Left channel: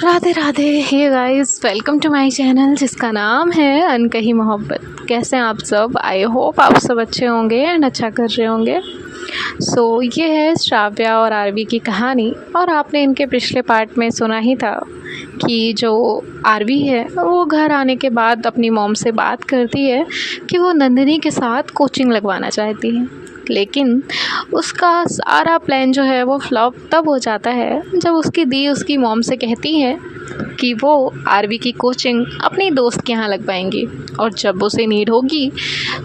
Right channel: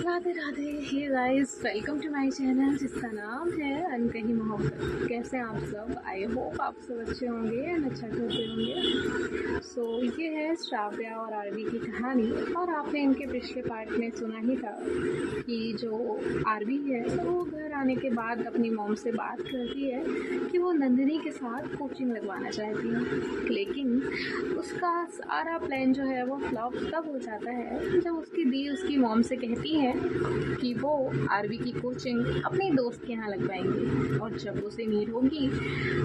Radhe Radhe. Hey guys, welcome to my channel जिसका नाम है अनकही मोहब्बत। कैसे हैं आप सब? आई होप आप सब अच्छे होंगे एंड अच्छा कर रहे होंगे। ये है श्राव्या और आरवी की कहानी। और आपने इनके पिछले पार्ट में सुना ही था कि जो आरवी है वो घर आने के बाद अपनी मॉम से बात करती है कि वो नंदिनी के साथ कोचिंग लगवाना चाहती है, लेकिन उसका सारा प्लान जो है वो फ्लॉप तब हो जाता है जब उसकी दी उसकी मॉम से कहती है कि वो आरवी की कोचिंग अपनी दोस्त के यहाँ लगवाएंगी और जब उसे नीड होगी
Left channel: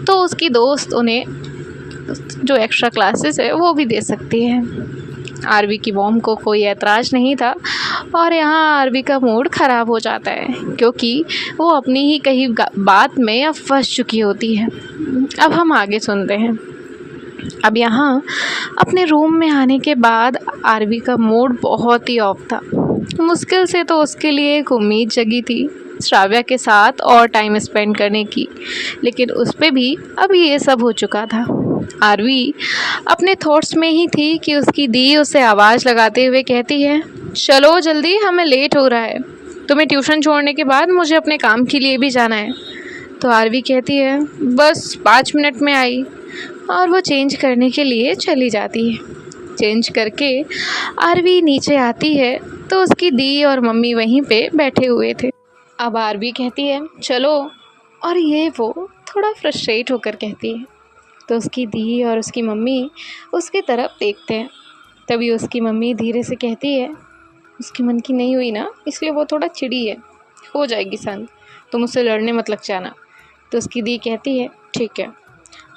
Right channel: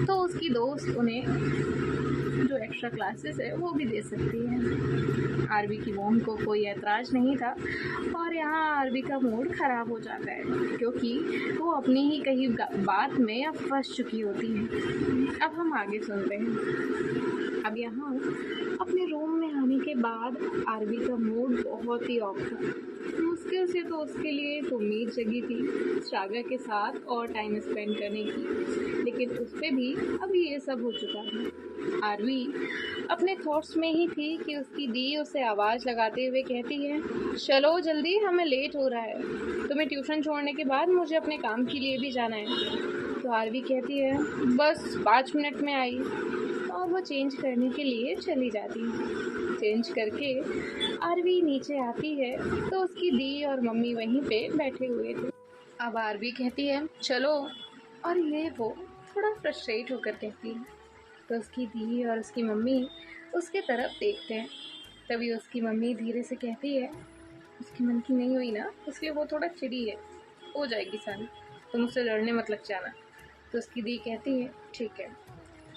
तो उसकी दोस्त उन्हें जो एक्स्ट्रा क्लासेस है वो भी दे सकती है। आरवी की मॉम को कोई ऐतराज़ नहीं था और यहाँ आरवी का मूड ख़राब हो जाता है क्योंकि वो अपनी ही कही बात में अब फंस चुकी होती है। अब हम आगे सुनते हैं। अब यहाँ अपने रूम में आने के बाद आरवी का मूड बहुत ही ऑफ था। मुश्किल से तो उसके लिए एक उम्मीद जगी थी श्राव्या के साथ और टाइम स्पेंड करने की, लेकिन उस पर भी अब ये सब हो चुका था। आरवी अपने थॉट्स में ही थी कि उसकी दी उसे आवाज़ लगाते हुए कहती है, चलो जल्दी, हमें लेट हो रहा है। तुम्हें ट्यूशन छोड़ने के बाद मुझे अपने काम के लिए भी जाना है। तो आरवी कहती है, बस 5 मिनट में आई। और वो चेंज करने के लिए चली जाती है। चेंज करके आरवी नीचे आती है तो उसकी दी और मम्मी वहीं पे बैठे हुए थे। अब आरवी कहती है, चलो, और ये वो थोड़ा फ्रस्ट्रेट होकर कहती है। तो उसकी दी और उसकी मम्मी उसकी तरफ देखते हैं। तभी उसकी मम्मी धीरे से कहती है, उसके मन की नहीं हुई ना, इसलिए वो थोड़ा चिड़ी है, हो जाएगी शांत, तुम उससे लड़ने मत लग जाना। तो उसकी दी कहती है, ठीक है।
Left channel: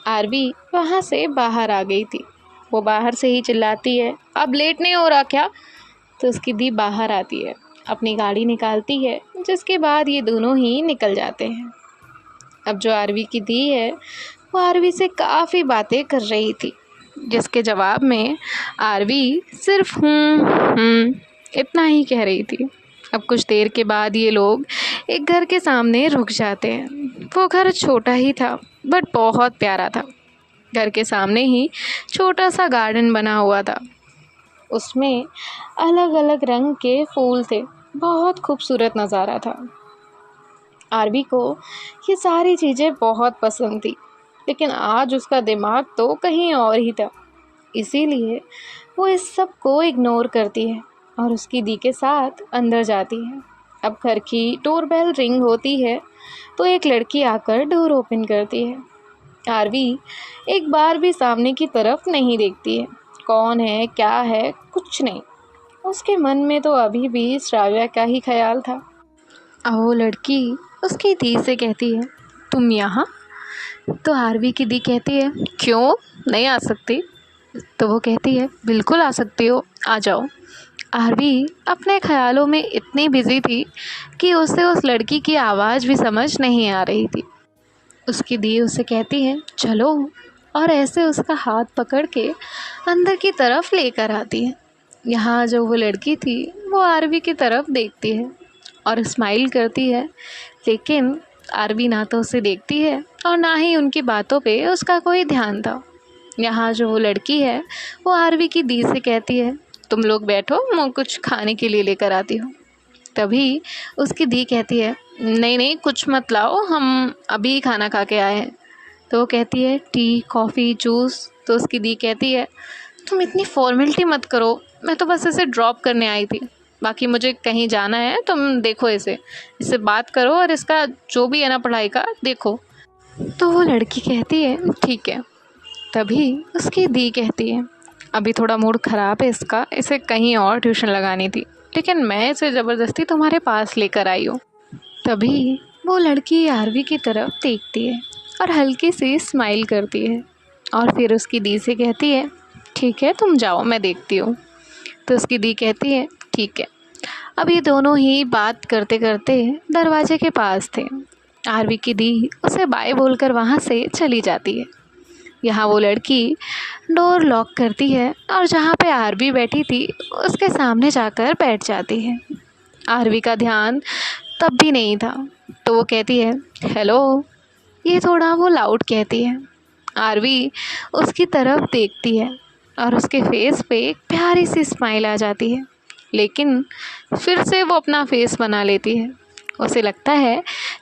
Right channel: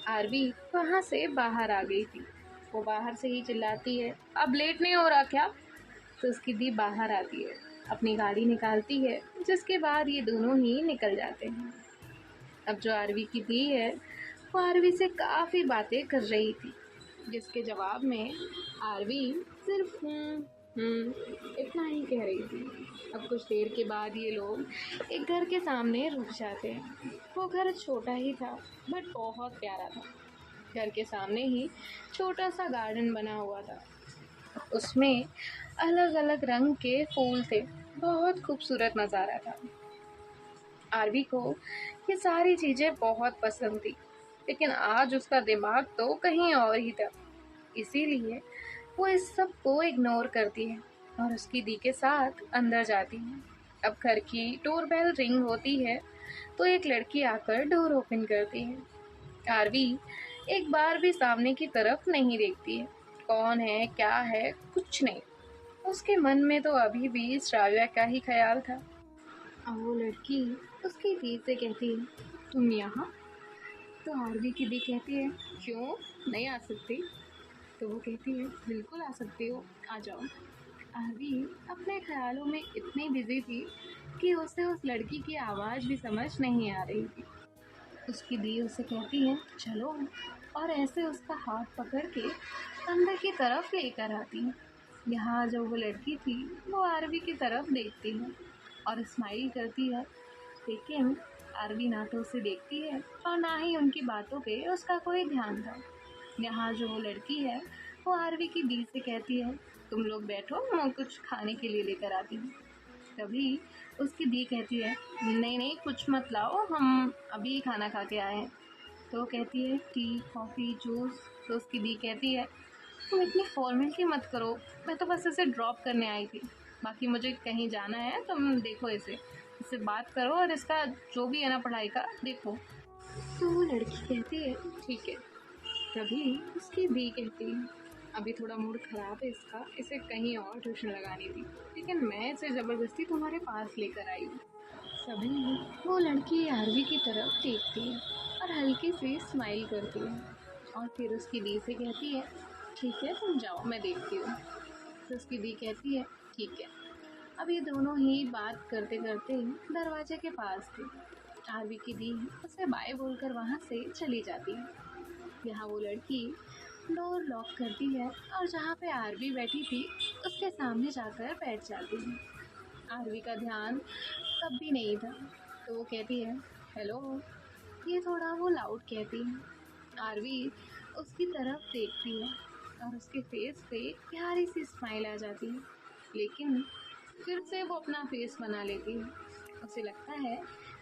आरवी वहाँ से बाहर आ गई थी। वो बाहर से ही चिल्लाती है, अब लेट नहीं हो रहा क्या? तो उसकी दी बाहर आती है, अपनी गाड़ी निकालती है, जिसके बाद ये दोनों ही निकल जाते हैं। अब जो आरवी की दी है वो आरवी से काफ़ी बातें कर रही थी, जिसके जवाब में आरवी सिर्फ इतना ही कह रही थी। अब कुछ देर के बाद ये लोग एक घर के सामने रुक जाते हैं। वो घर छोटा ही था बट बहुत प्यारा था। घर के सामने ही छोटा सा गार्डन बना हुआ था। उसमें अलग अलग रंग के फूल थे। बहुत खूबसूरत नज़ारा था। आरवी को ये सारी चीज़ें बहुत पसंद थी, लेकिन आज उसका दिमाग तो कहीं और ही था। इसीलिए वो इस सब को इग्नोर करती है और उसकी दी के साथ अंदर जाती है। अब घर की डोरबेल रिंग होती है तो एक लड़की आकर डोर ओपन करती है। आरवी एक बार भी सामने की तरफ नहीं देखती है। कौन है, क्या है, कुछ नहीं। उसके मन में तो अभी भी श्राव्या का ही ख्याल था। अब वो लड़की उसकी दी से कहती है, तुम यहाँ? तो आरवी की दी कहती है, क्यों नहीं आ सकती? तो वो कहती है, बिल्कुल आ सकती हो, आ जाओ। आरवी अपने ख्यालों में इतनी बिजी थी कि उसे उस लड़की की आवाज़ भी समझ नहीं आ रही थी। उसकी दी उसे कहती है, चलो, और ऐसे उसका हाथ पकड़ के अंदर की तरफ लेकर आती है। यहाँ जो वो लड़की थी वो आरवी की तरफ देखती है और स्माइल करती है, लेकिन आरवी ना तो उसे देखती है और ना ही उनकी बातों पे उसका कोई ध्यान था। यहाँ जो वो लड़की है वो आरवी की दी से कहती है, तुम लोग बैठो, मैं कुछ खाने के लिए लेकर आती हूँ। तभी उसकी दी कहती है, नहीं नहीं, कुछ मत लाओ, हम अभी खाना खा के आए हैं। तो वो कहती है, टी, कॉफ़ी, जूस। तो उसकी दी कहती है, तुम इतनी फॉर्मेलिटी मत करो, मैं तो बस इसे ड्रॉप करने आई थी, बाकी मुझे कहीं जाना है, तुम देखो इससे बात करो और इसका जो भी है ना पढ़ाई का देखो। तो वो लड़की कहती है, ठीक है। तभी उसकी दी कहती है, अभी थोड़ा मूड ख़राब है इसका, इसे कहीं और ट्यूशन लगानी थी, लेकिन मैं इसे ज़बरदस्ती तुम्हारे पास लेकर आई हूँ। तभी वो लड़की आरवी की तरफ देखती है और हल्की सी स्माइल करती है और फिर उसकी दी से कहती है, ठीक है, तुम जाओ, मैं देखती हूँ। तो उसकी दी कहती है, ठीक है। अब ये दोनों ही बात करते करते दरवाजे के पास थे। आरवी की दी उसे बाय बोलकर वहाँ से चली जाती है। यहाँ वो लड़की डोर लॉक करती है और जहाँ पे आरवी बैठी थी उसके सामने जाकर बैठ जाती है। आरवी का ध्यान तब भी नहीं था, तो वो कहती है, हेलो। ये थोड़ा वो लाउड कहती है। आरवी उसकी तरफ देखती है और उसके फेस पे एक प्यारी सी स्माइल आ जाती है। लेकिन फिर से वो अपना फेस बना लेती है। उसे लगता है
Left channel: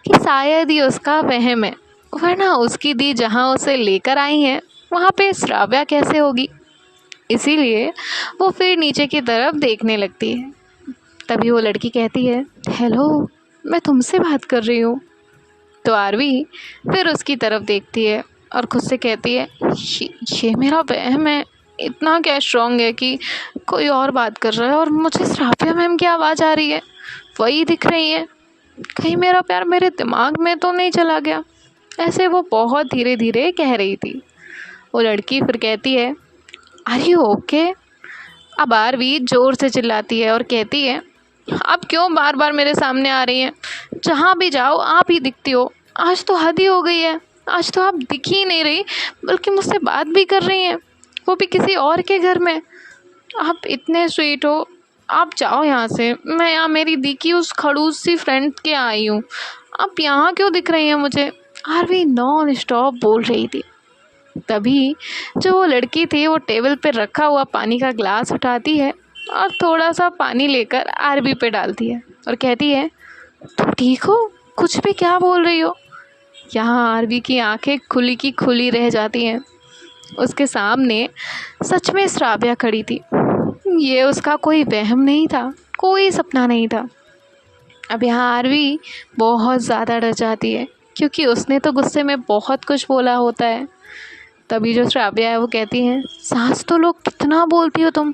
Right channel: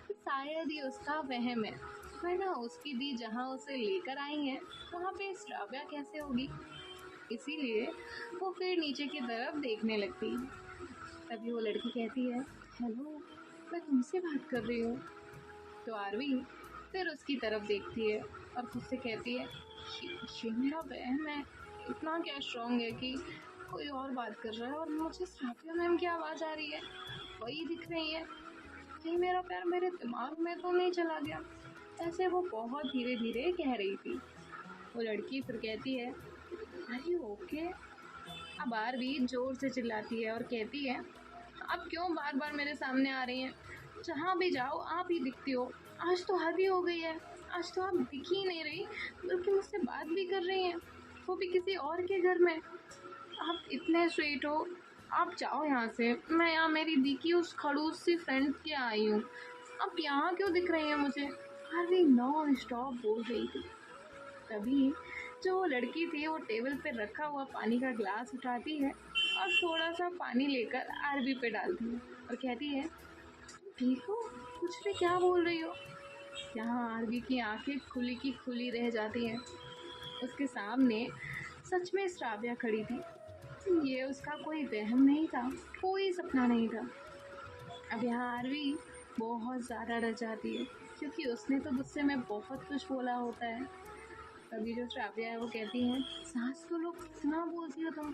कि शायद ये उसका वहम है, वरना उसकी दी जहाँ उसे लेकर आई है वहाँ पे श्राव्या कैसे होगी। इसीलिए वो फिर नीचे की तरफ देखने लगती है। तभी वो लड़की कहती है, हेलो, मैं तुमसे बात कर रही हूँ। तो आरवी फिर उसकी तरफ देखती है और खुद से कहती है, ये मेरा वहम है। इतना क्या स्ट्रॉन्ग है कि कोई और बात कर रहा है और मुझे श्राव्या मैम की आवाज़ आ रही है, वही दिख रही है। कहीं मेरा प्यार मेरे दिमाग में तो नहीं चला गया। ऐसे वो बहुत धीरे धीरे कह रही थी। वो लड़की फिर कहती है, आर यू ओके? अब आरवी ज़ोर से चिल्लाती है और कहती है, आप क्यों बार बार मेरे सामने आ रही हैं? जहाँ भी जाओ आप ही दिखती हो। आज तो हद ही हो गई है। आज तो आप दिख ही नहीं रही, बल्कि मुझसे बात भी कर रही हैं, वो भी किसी और के घर में। आप इतने स्वीट हो, आप जाओ यहाँ से। मैं यहाँ मेरी दी की उस खड़ूस सी फ्रेंड के आई हूँ। आप यहाँ क्यों दिख रही हैं मुझे? आरवी नॉन स्टॉप बोल रही थी। तभी जो वो लड़की थी वो टेबल पे रखा हुआ पानी का ग्लास उठाती है और थोड़ा सा पानी लेकर आरवी पे डालती है और कहती है, तुम ठीक हो? कुछ भी क्या बोल रही हो? यहाँ आरवी की आंखें खुली की खुली रह जाती हैं। उसके सामने सच में श्राव्या खड़ी थी। ये उसका कोई वहम नहीं था, कोई सपना नहीं था। अब यहाँ आरवी बहुत ज़्यादा डर जाती है, क्योंकि उसने तो गुस्से में बहुत कुछ बोला होता है। तभी जो श्राव्या है वो कहती है, सास तो लोग कितना बोलती हो तुम,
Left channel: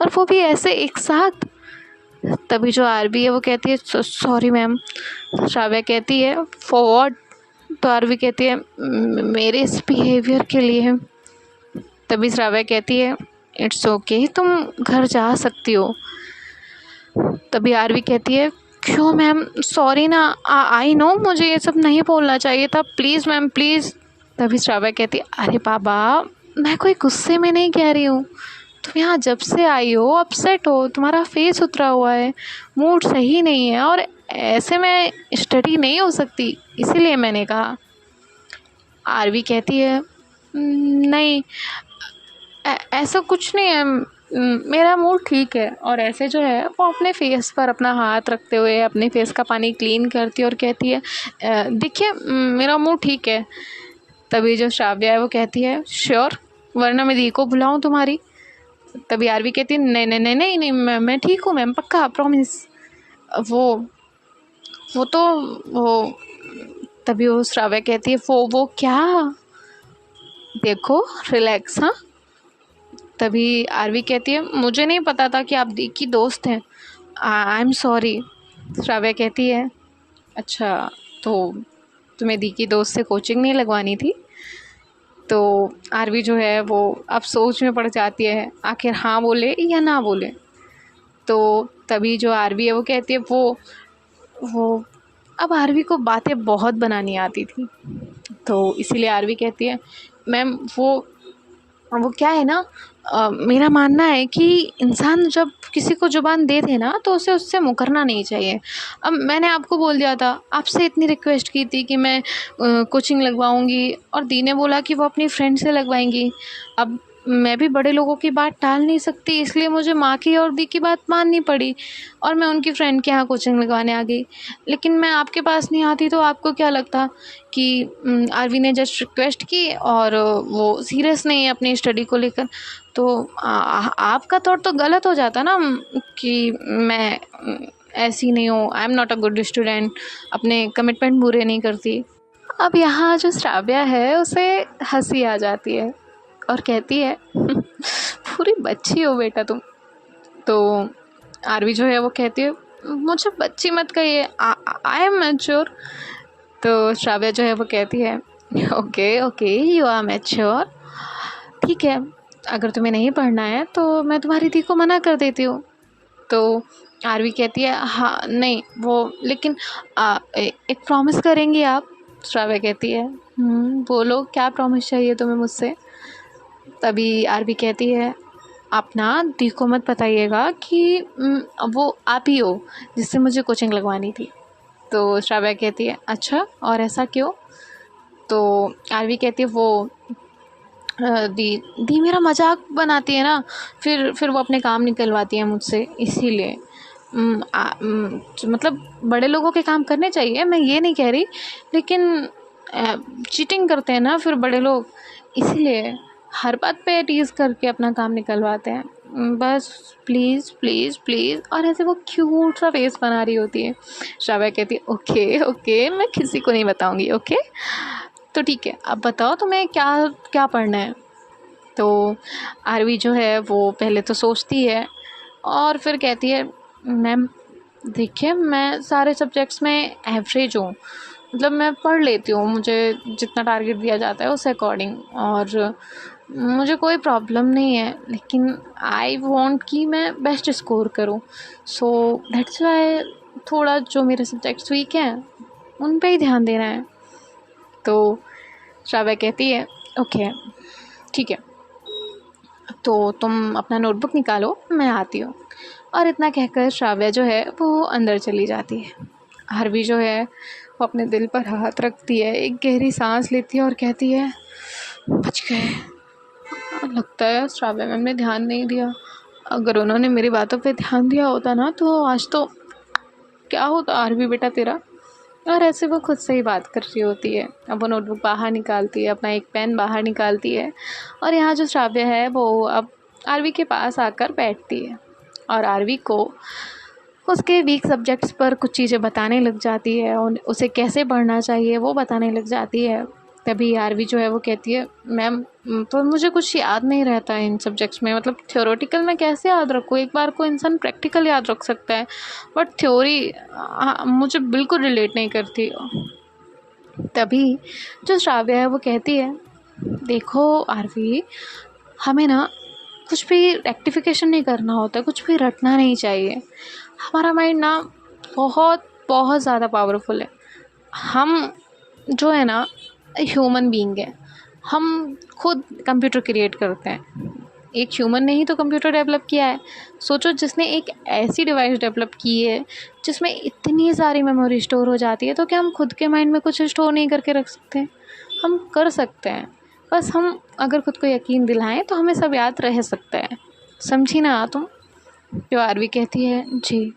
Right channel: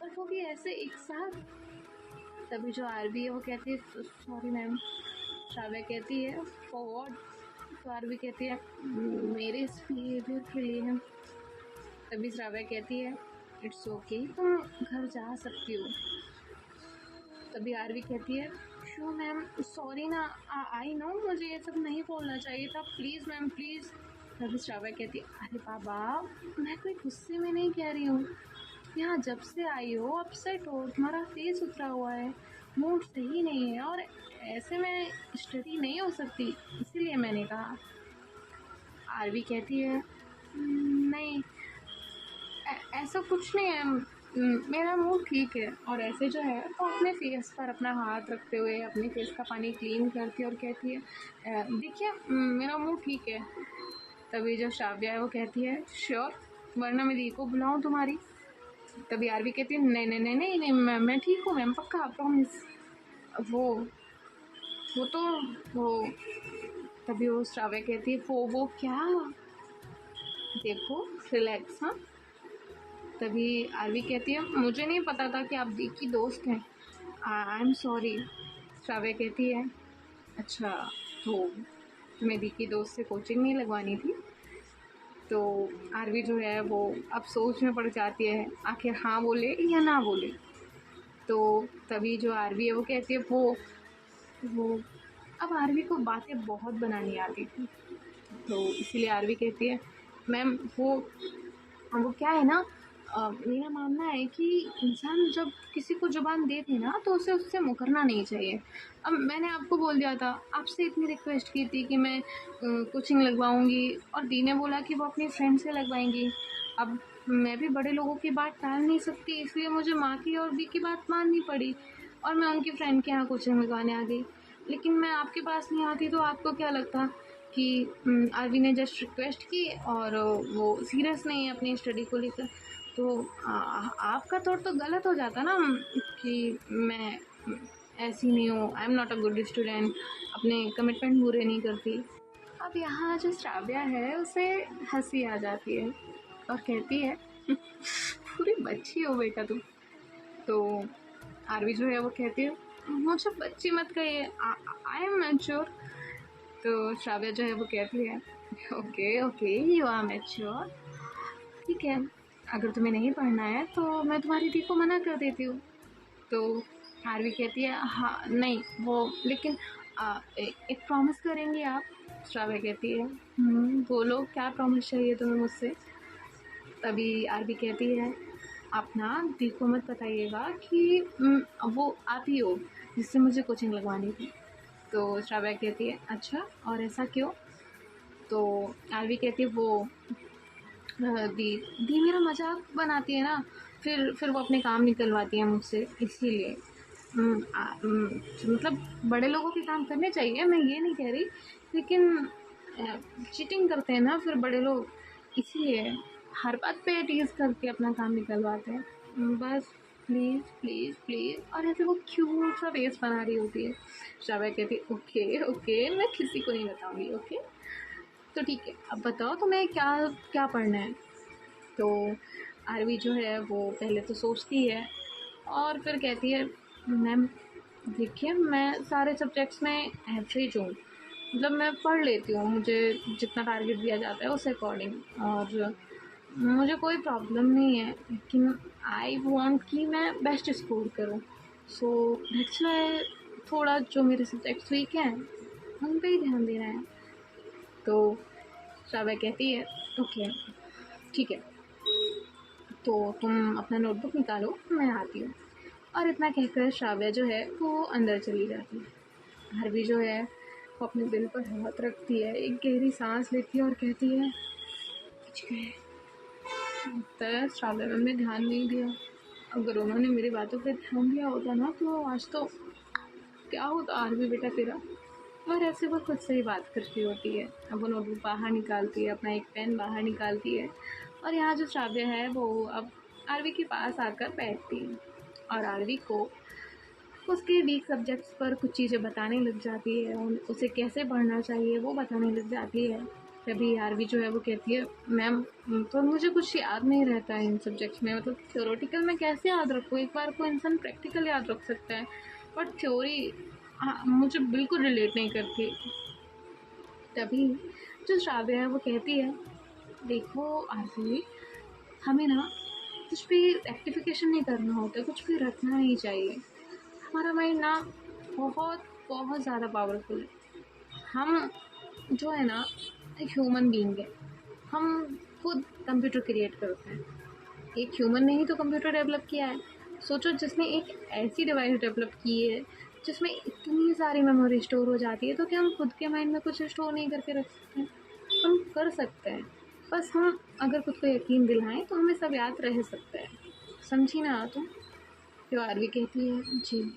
और वो भी ऐसे एक साथ। तभी जो आरवी है वो कहती है, सॉरी मैम। श्राव्या कहती है, फॉर व्हाट? तो आरवी कहती है, मेरे इस बिहेवियर के लिए। तभी श्राव्या कहती है, इट्स ओके, तुम घर जा सकती हो। तभी आरवी कहती है, क्यों मैम? सॉरी ना, आई नो मुझे ये सब नहीं बोलना चाहिए था, प्लीज़ मैम प्लीज़। तभी श्राव्या कहती है, अरे बाबा, मैं कोई गुस्से में नहीं कह रही हूँ। तुम यहाँ जब से आई हो अपसेट हो, तुम्हारा फेस उतरा हुआ है, मूड सही नहीं है, और ऐसे में स्टडी नहीं हो सकती, इसीलिए मैंने कहा। आरवी कहती है, नहीं, ऐसा कुछ नहीं है, मेरा मूड ठीक है। और ऐसे जो है वो अपने फेस पर अपना हाथ रखते हुए अपने फेस का पानी क्लीन करती है और कहती है, देखिए मेरा मूड ठीक है। तभी जो श्राव्या है वो कहती है, श्योर, वरना मैं दी को बुलाऊं तुम्हारी? तभी आरवी कहती है, नहीं नहीं नहीं नहीं नहीं, मैं ठीक हूँ मैम, पक्का, प्रॉमिस। वो तो वो तभी वो श्राव्या कहती है, वो क्या? देखो, रिलैक्स। हाँ। तभी आरवी कहती है, मुझे नहीं पता था कि आप दी की दोस्त हैं, आई एम सॉरी। श्राव्या कहती है, अच्छा, तो तुम्हें दी की दोस्त से कोचिंग नहीं लगवानी थी? तो आरवी जो है वो अब सोच में पड़ जाती है, आखिर हाँ बोले या ना बोले। तो तभी जो आरवी है वो कहती है, वो अब आरवी को बातें बहुत बनानी आती थी, तो इसीलिए आरवी कहती है, मैम वो क्या है ना, मेरा मानना है कि इंसान जब किसी को ज़ुबान दे दे ना तो उसे उससे मुकरना नहीं चाहिए। अब मैंने आपको बोल दिया था, आपसे इतनी रिक्वेस्ट की थी कि मैं कोचिंग लगवाऊंगी, और दी ने बोला कि वो अपनी फ्रेंड से लगवाएंगी। अब मैं भी बड़े लोगों की बात टाल नहीं सकती, इसलिए मुझे माँ की और दी की बात माननी पड़ी, और मैं उनकी फ्रेंड के यहाँ कोचिंग लगवाने आ गई। लेकिन मैं आपके पास नहीं आती तो आपको क्या लगता कि आरवी ने जस्ट रिक्वेस्ट की और वो सीरियस नहीं है अपनी स्टडी को लेकर? तो आपका थॉट तो गलत हो जाता ना, कि मैं ऐसी नहीं हूँ, I am not a good student, अपने कमिटमेंट पूरे नहीं करती। अब यहाँ जो श्राव्या है उसे हंसी आ जाती है और कहती है, पूरी बच्ची हो बेटा तुम। तो आरवी जो है वो कहती है, मुझे बच्ची मत कहिए, आई एम मैच्योर। तो श्राव्या जो है वो कहती है, okay okay, you are mature, ठीक है, अगर तुम्हें नहीं पढ़ना है तो मैं तुम्हारी दी को मना कर देती हूँ। तो आरवी कहती है, हाँ नहीं वो, लेकिन एक प्रॉमिस करेंगी आप? श्राव्या कहती है, बोलो क्या प्रॉमिस चाहिए तुम्हें मुझसे? तभी आरवी कहती है, आप ना दी को मत बताइएगा कि वो आप ही हो जिससे मुझे कोचिंग लगवानी थी। तो श्राव्या कहती है, अच्छा, और ऐसा क्यों? तो आरवी कहती है, दी दी मेरा मजाक बनाती है ना, फिर वो अपने काम निकलवाती है मुझसे, इसीलिए मतलब बड़े लोगों के काम करने चाहिए, मैं ये नहीं कह रही, लेकिन चीटिंग करते हैं ना फिर बड़े लोग, इसीलिए हर बात पे टीज़ करके अपना काम निकलवाते हैं। बस प्लीज़ प्लीज़ प्लीज़, और ऐसे वो क्यूट सा फेस बना रही होती है। श्राव्या कहती है ओके ओके, मैं किसी को नहीं बताऊँगी, ओके। तो ठीक है, अब बताओ तुम्हें क्या क्या पढ़ना है। तो आरवी जो है वो पहले तो सोचती है और फिर कहती है मैम देखिए, मैं सारे सब्जेक्ट्स में एवरेज हूँ, मतलब मैं पढ़ लेती हूँ, मुझे जितना टारगेट दिया जाता है उस अकॉर्डिंग, और मुझे कोई प्रॉब्लम नहीं है, लेकिन आई वांट कि मैं बेस्ट स्कोर करूँ, सो दैट्स वाई थोड़ा जो मेरे सब्जेक्ट्स वीक हैं उन पे ही ध्यान देना है। तो श्राव्या कहती है ओके ठीक है, तो तुम अपना नोटबुक निकालो, मैं आती हूँ। और इतना कहकर श्राव्या जो है वो अंदर चली जाती है। आरवी जो है वो अपने दिल पर हाथ रखती है, एक गहरी सांस लेती है और कहती है बच गए। लगता है श्राव्या मैम ने ध्यान नहीं दिया, अगर उन्होंने मेरी बातों पे ध्यान दिया होता ना तो आज तो क्या होता आरवी बेटा तेरा। और ऐसे वो खुद से ही बात कर रही होती है। अब वो नोटबुक बाहर निकालती है, अपना एक पेन बाहर निकालती है, और यहाँ जो श्राव्य है वो अब आरवी के पास आकर बैठती है और आरवी को उसके वीक सब्जेक्ट्स पर कुछ चीज़ें बताने लग जाती है और उसे कैसे पढ़ना चाहिए वो बताने लग जाती है। तभी आरवी जो है वो कहती है मैम पर मुझे कुछ याद नहीं रहता है इन सब्जेक्ट्स में, मतलब थ्योरेटिकल में कैसे याद रखूँ, एक बार को इंसान प्रैक्टिकल याद रख सकता है बट थ्योरी मुझे बिल्कुल रिलेट नहीं करती। तभी जो श्राव्य है वो कहती है देखो आरवी, हमें ना कुछ भी रेक्टिफिकेशन नहीं करना होता, कुछ भी रटना नहीं चाहिए। हमारा माइंड ना बहुत बहुत ज़्यादा पावरफुल है। हम जो है ना ह्यूमन बीइंग है, हम खुद कंप्यूटर क्रिएट करते हैं, एक ह्यूमन ने ही तो कंप्यूटर डेवलप किया है। सोचो जिसने एक ऐसी डिवाइस डेवलप की है जिसमें इतनी सारी मेमोरी स्टोर हो जाती है, तो क्या हम खुद के माइंड में कुछ स्टोर नहीं करके रख सकते हैं? हम कर सकते हैं, बस हम अगर खुद को यकीन दिलाएं तो हमें सब याद रह सकता है। समझी ना तुम? जो आरवी कहती है जी।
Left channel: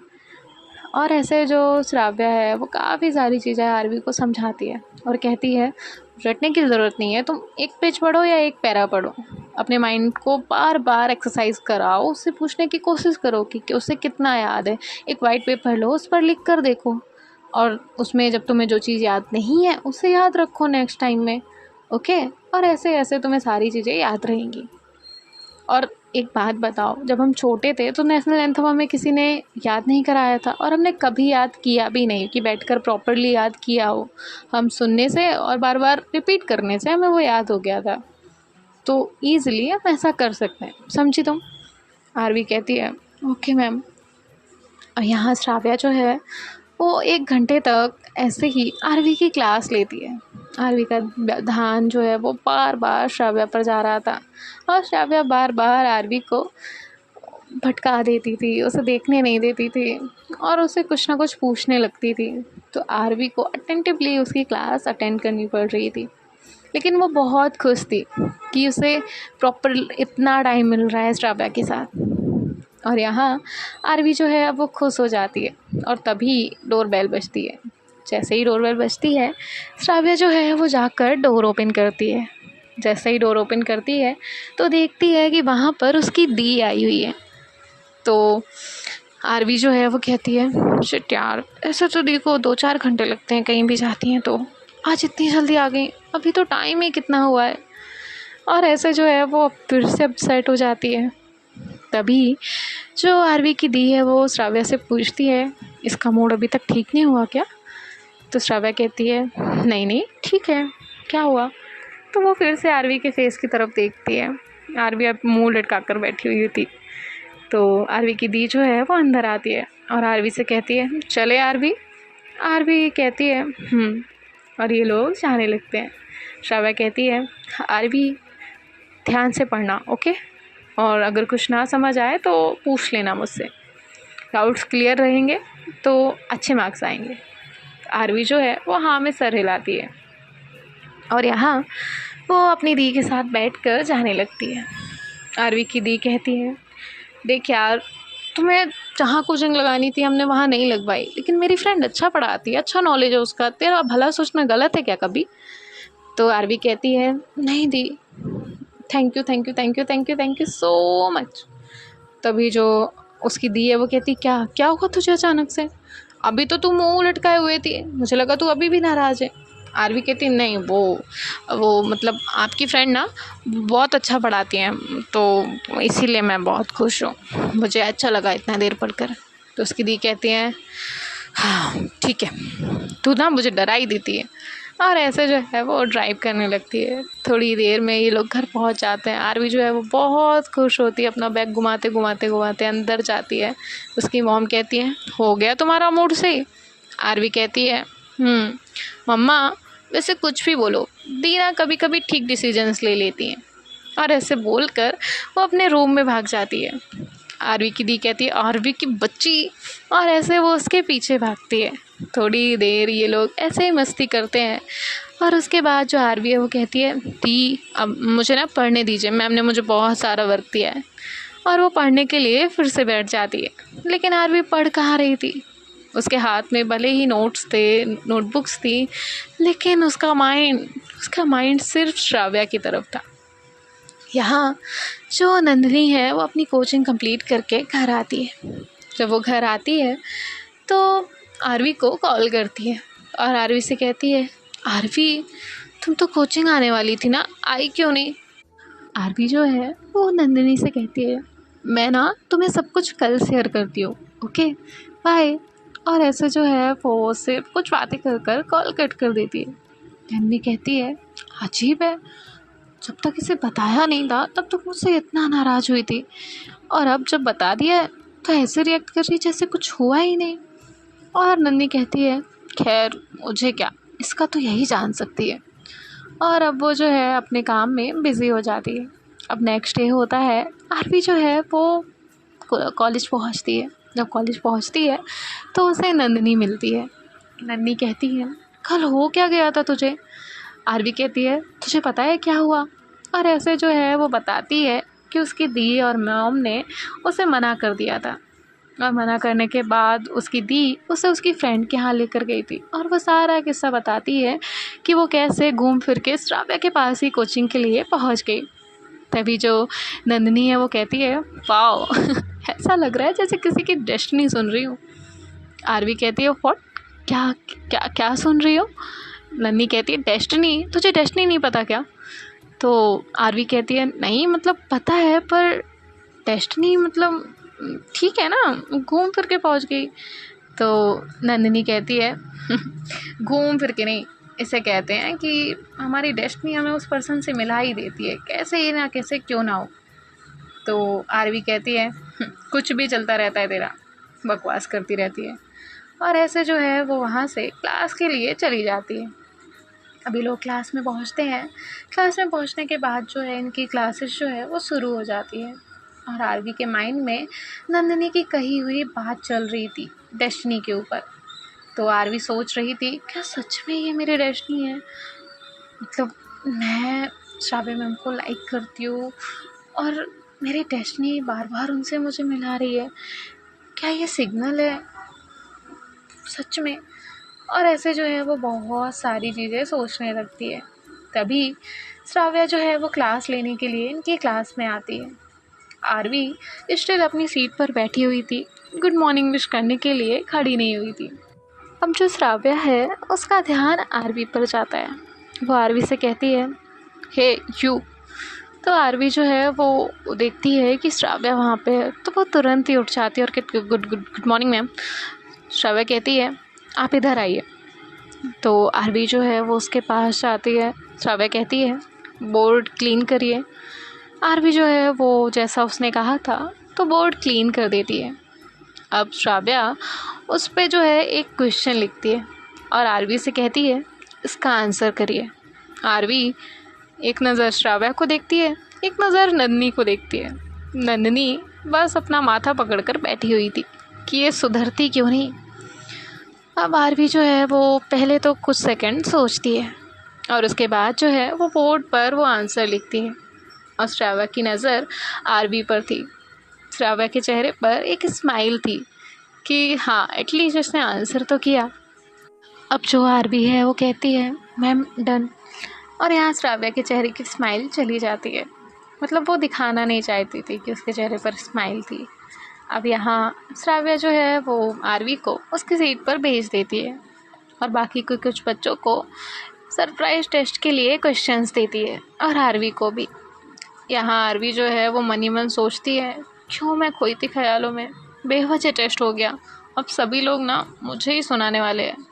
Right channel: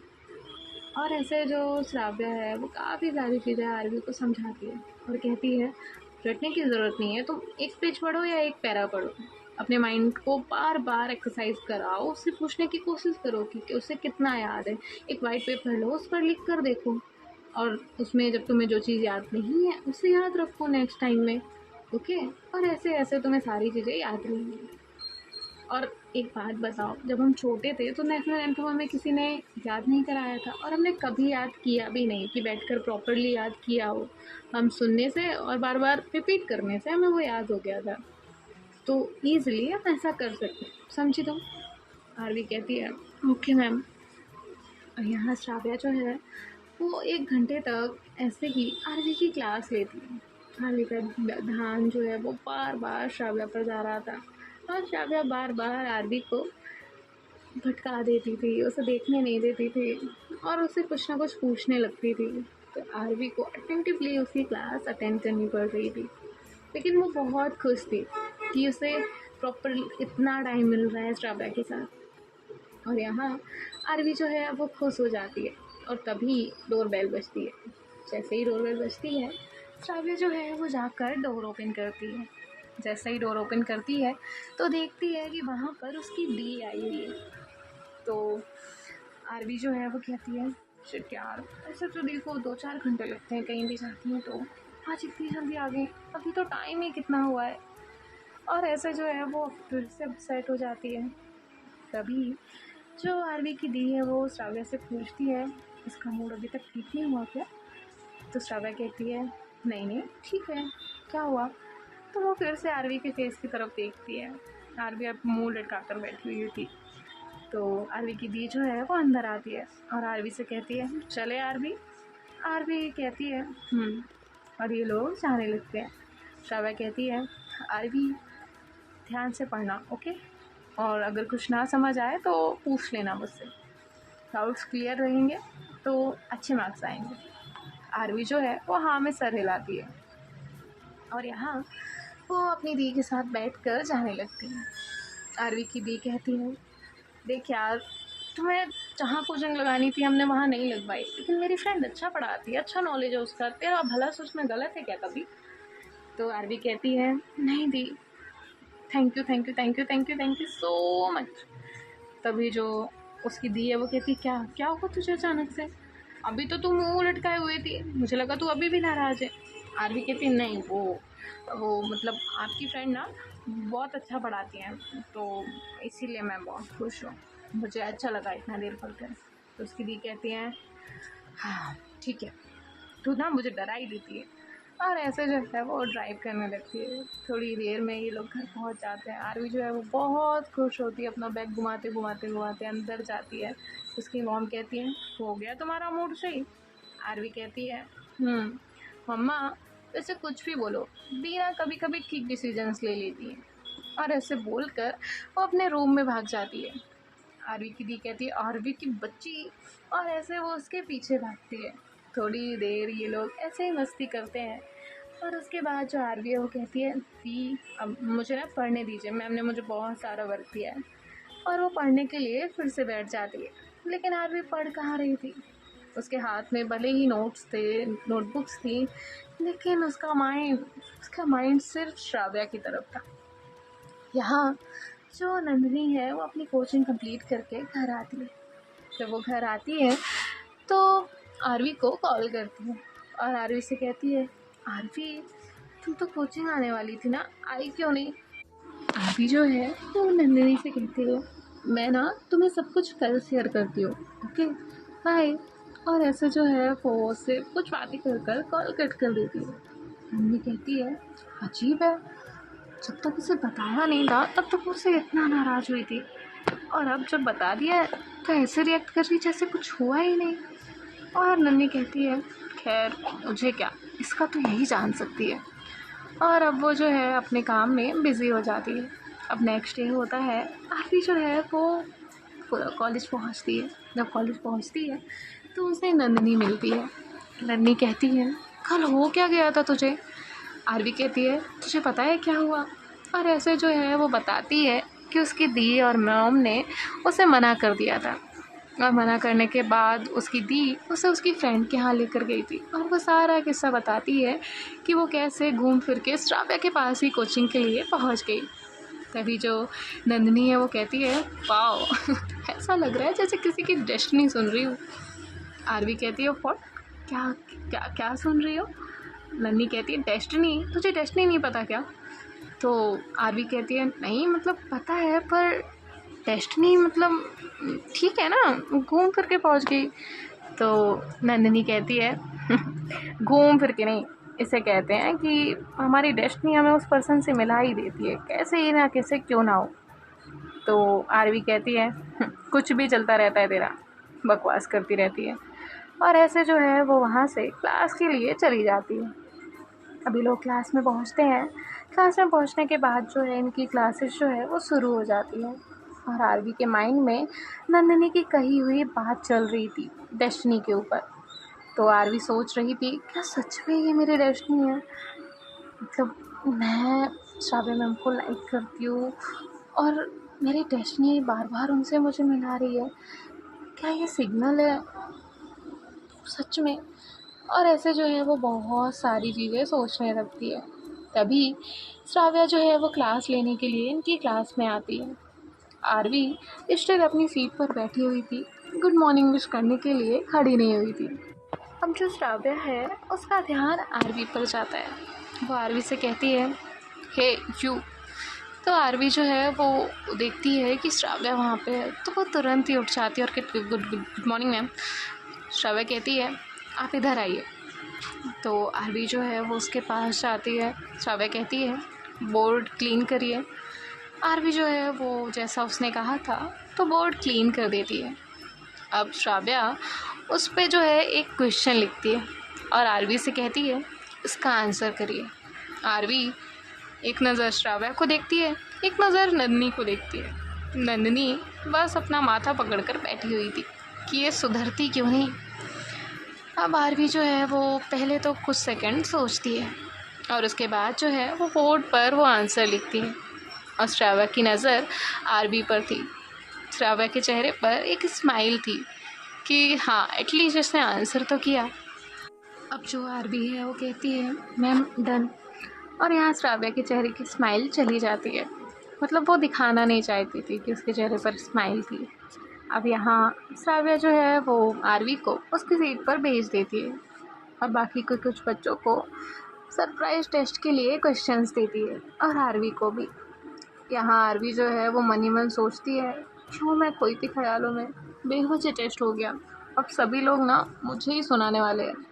और ऐसे जो श्राव्या है वो काफ़ी सारी चीज़ें आरवी को समझाती है और कहती है रटने की ज़रूरत नहीं है, तुम एक पेज पढ़ो या एक पैरा पढ़ो, अपने माइंड को बार बार एक्सरसाइज कराओ, उससे पूछने की कोशिश करो कि उसे कितना याद है। एक वाइट पेपर लो, उस पर लिख कर देखो, और उसमें जब तुम्हें जो चीज़ याद नहीं है उसे याद रखो नेक्स्ट टाइम में, ओके। और ऐसे ऐसे तुम्हें सारी चीज़ें याद रहेंगी। और एक बात बताओ, जब हम छोटे थे तो नेशनल एंथम हमें किसी ने याद नहीं कराया था और हमने कभी याद किया भी नहीं कि बैठकर प्रॉपरली याद किया हो। हम सुनने से और बार बार रिपीट करने से हमें वो याद हो गया था। तो ईज़िली हम ऐसा कर सकते हैं, समझी तुम? आरवी कहती है ओके मैम। और यहाँ श्राव्या जो है वो 1 घंटे तक ऐसे ही आरवी की क्लास लेती है। आरवी का ध्यान जो है वो बार बार श्राव्या पर जा रहा था और श्राव्या बार बार आरवी को भटका देती थी, उसे देखने नहीं देती थी और उसे कुछ ना कुछ पूछने लगती थी। तो आरवी को अटेंटिवली उसकी क्लास अटेंड करनी पड़ रही थी, लेकिन वो बहुत खुश थी कि उसे प्रॉपर इतना टाइम मिल रहा है श्राव्या के साथ। और यहाँ आरवी जो है वो खुश हो जाती है और तभी डोरबेल बजती है। जैसे ही डोरबेल बजती है श्राव्या जो है वो जाकर डोर ओपन करती है। जैसे ही डोर ओपन करती है तो देखती है कि वहाँ पर उसकी दी आई हुई है। तो आरवी जो है वो कहती है शिट यार, ऐसा तो दी को 2-4 घंटे लगते हैं कहीं भी जाती हैं, तो आज इतनी जल्दी आ गई, अभी तो टाइम ही कितना हुआ है। और ऐसे जो है वो फिर से अपसेट हो जाती है। तभी जो आरवी की दी है वो श्राव्या से पूछती है इसका मूड अभी तक ठीक नहीं हुआ क्या? तो श्राव्या कहती है नहीं नहीं ठीक है, क्या हुआ? तो वो फिर से आरवी के फेस की तरफ देखती है। आरवी अब मुंह लटका कर बैठी हुई थी। तो आरवी की दी जो है वो अंदर आती है और आरवी से कहती है चले आरवी। आरवी कहती है और ये लोग जाने लगते हैं। श्राव्या कहती है आरवी ध्यान से पढ़ना, ओके, और अगर कुछ ना समझ आए तो पूछ लेना मुझसे, डाउट्स क्लियर रहेंगे तो अच्छे मार्क्स आएंगे। आरवी जो है वो हाँ में सर हिलाती है और यहाँ वो अपनी दी के साथ बैठकर जाने लगती है। आरवी की दी कहती है, देख यार, तुम्हें जहाँ कोचिंग लगानी थी हमने वहाँ नहीं लगवाई, लेकिन मेरी फ्रेंड अच्छा पढ़ाती है, अच्छा नॉलेज है उसका, तेरा भला सोचना गलत है क्या कभी? तो आरवी कहती है, नहीं दी, thank you thank you thank you thank you thank you so much. तभी जो उसकी दी है वो कहती, क्या क्या हुआ तुझे अचानक से? अभी तो तू मुंह लटकाए हुए थी, मुझे लगा तू अभी भी नाराज़ है। आरवी कहती, नहीं वो मतलब आपकी फ्रेंड ना बहुत अच्छा पढ़ाती हैं, तो इसीलिए मैं बहुत खुश हूँ, मुझे अच्छा लगा इतना देर पढ़कर। तो उसकी दी कहती है, हाँ ठीक है, तू ना मुझे डरा ही देती है। और ऐसे जो है वो ड्राइव करने लगती है। थोड़ी देर में ये लोग घर पहुंच जाते हैं। आरवी जो है वो बहुत खुश होती है, अपना बैग घुमाते घुमाते घुमाते अंदर जाती है। उसकी मॉम कहती है, हो गया तुम्हारा मूड सही? आरवी कहती है, मम्मा वैसे कुछ भी बोलो, दीना कभी कभी ठीक डिसीजंस ले लेती हैं। और ऐसे बोलकर वो अपने रूम में भाग जाती है। आरवी की दी कहती है, आरवी की बच्ची, और ऐसे वो उसके पीछे भागती है। थोड़ी देर ये लोग ऐसे ही मस्ती करते हैं। और उसके बाद जो आरवी है वो कहती है, दी अब मुझे ना पढ़ने दीजिए, मैम ने मुझे बहुत सारा वर्क दिया है। और वो पढ़ने के लिए फिर से बैठ जाती है। लेकिन आरवी पढ़ कहाँ रही थी, उसके हाथ में भले ही नोट्स थे, नोटबुक्स थी, लेकिन उसका माइंड सिर्फ श्राव्या की तरफ था। यहाँ जो नंदिनी है वो अपनी कोचिंग कंप्लीट करके घर आती है। जब वो घर आती है तो आरवी को कॉल करती है और आरवी से कहती है, आरवी तुम तो कोचिंग आने वाली थी ना, आई क्यों नहीं? आरवी जो है वो नंदिनी से कहती है, मैं ना तुम्हें सब कुछ कल शेयर करती हूँ, ओके बाय। और ऐसे जो है वो सिर्फ कुछ बातें कर कर कॉल कट कर देती है। नंदिनी कहती है, अजीब है, जब तक इसे बताया नहीं था तब तो मुझसे इतना नाराज़ हुई थी, और अब जब बता दिया है तो ऐसे रिएक्ट कर रही जैसे कुछ हुआ ही नहीं। और नंदिनी कहती है, खैर मुझे क्या, इसका तो यही जान सकती है। और अब वो जो है अपने काम में बिज़ी हो जाती है। अब नेक्स्ट डे होता है, आरवी जो है वो कॉलेज पहुंचती है। जब कॉलेज पहुंचती है तो उसे नंदिनी मिलती है। नंदिनी कहती है, कल हो क्या गया था तुझे? आरवी कहती है, तुझे पता है क्या हुआ? और ऐसे जो है वो बताती है कि उसकी दी और मॉम ने उसे मना कर दिया था, और मना करने के बाद उसकी दी उसे उसकी फ्रेंड के यहाँ लेकर गई थी। और वो सारा किस्सा बताती है कि वो कैसे घूम फिर के श्राव्या के पास ही कोचिंग के लिए पहुँच गई। तभी जो नंदिनी है वो कहती है, वाओ ऐसा लग रहा है जैसे किसी की डेस्टिनी सुन रही हूँ। आरवी कहती है, व्हाट, क्या क्या क्या सुन रही हो? नन्नी कहती है, डेस्टिनी, तुझे डेस्टिनी नहीं पता क्या? तो आरवी कहती है, नहीं मतलब पता है, पर डेस्टिनी मतलब ठीक है ना, घूम फिर के पहुंच गई। तो नंदिनी कहती है, घूम फिर के नहीं, इसे कहते हैं कि हमारी डेस्टिनी हमें उस पर्सन से मिला ही देती है, कैसे ही ना कैसे क्यों ना हो। तो आरवी कहती है, कुछ भी चलता रहता है तेरा, बकवास करती रहती है। और ऐसे जो है वो वहाँ से क्लास के लिए चली जाती है। अभी लोग क्लास में पहुँचते हैं। क्लास में पहुँचने के बाद जो है इनकी क्लासेस जो है वो शुरू हो जाती है। और आरवी के माइंड में नंदिनी की कही हुई बात चल रही थी डेस्टिनी के ऊपर। तो आरवी सोच रही थी, क्या सच में ये मेरी डेस्टिनी है? मतलब मैं श्राव्या मैम को लाइक करती हूँ और मेरी डेस्टिनी बार बार उनसे मुझे मिला रही है, क्या ये सिग्नल है सच में? और ऐसे जो है वो बहुत सारी चीज़ें सोचने लगती है। तभी श्राव्या जो है वो क्लास लेने के लिए इनकी क्लास में आती है। आरवी स्टिल अपनी सीट पर बैठी हुई थी, गुड मॉर्निंग विश करने के लिए खड़ी नहीं हुई थी। अब जो श्राव्या है उसका ध्यान आरवी पर जाता है। वो आरवी से कहती है, हे यू। तो आरवी जो है वो देखती है कि श्राव्या वहाँ पे है, तो वो तुरंत ही उठ जाती है और कहती, good good good morning ma'am. Shravya कहती है, आप इधर आइए। तो आरवी जो है वो उसके पास जाती है। श्राव्या कहती है, बोर्ड क्लीन करिए। आरवी जो है वो जैसा उसने कहा था तो बोर्ड क्लीन कर देती है। अब श्राव्या उस पे जो है एक क्वेश्चन लिखती है और आरवी से कहती है, इसका आंसर करिए। आरवी एक नज़र श्राव्या को देखती है, एक नज़र नंदिनी को देखती है। नंदिनी बस अपना माथा पकड़कर बैठी हुई थी कि ये सुधरती क्यों नहीं। अब आरवी जो है वो पहले तो कुछ सेकंड सोचती है, और उसके बाद जो है वो बोर्ड पर वो आंसर लिखती है और श्राव्या की नज़र आरवी पर थी। श्राव्या के चेहरे पर एक स्माइल थी कि हाँ एटलीस्ट इसने आंसर तो किया। अब जो आरवी है वो कहती है मैम डन, और यहाँ श्राव्या के चेहरे की स्माइल चली जाती है। मतलब वो दिखाना नहीं चाहती थी कि उसके चेहरे पर स्माइल थी। अब यहाँ श्राव्या जो है वो आरवी को उसकी सीट पर भेज देती है और बाकी कुछ बच्चों को सरप्राइज टेस्ट के लिए क्वेश्चंस देती है और आरवी को भी। यहाँ आरवी जो है वो मन ही मन सोचती है क्यों मैं खोई थी ख्यालों में, बेवजह टेस्ट हो गया, अब सभी लोग ना मुझे ही सुनाने वाले हैं।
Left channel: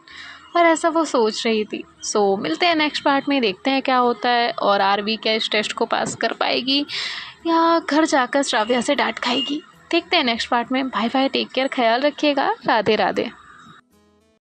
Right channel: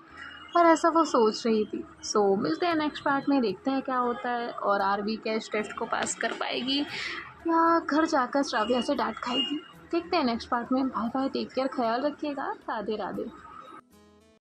और ऐसा वो सोच रही थी। सो मिलते हैं नेक्स्ट पार्ट में, देखते हैं क्या होता है और आरवी क्या इस टेस्ट को पास कर पाएगी या घर जाकर श्राव्या से डांट खाएगी। देखते हैं नेक्स्ट पार्ट में। बाय बाय, टेक केयर, ख्याल रखिएगा, राधे राधे।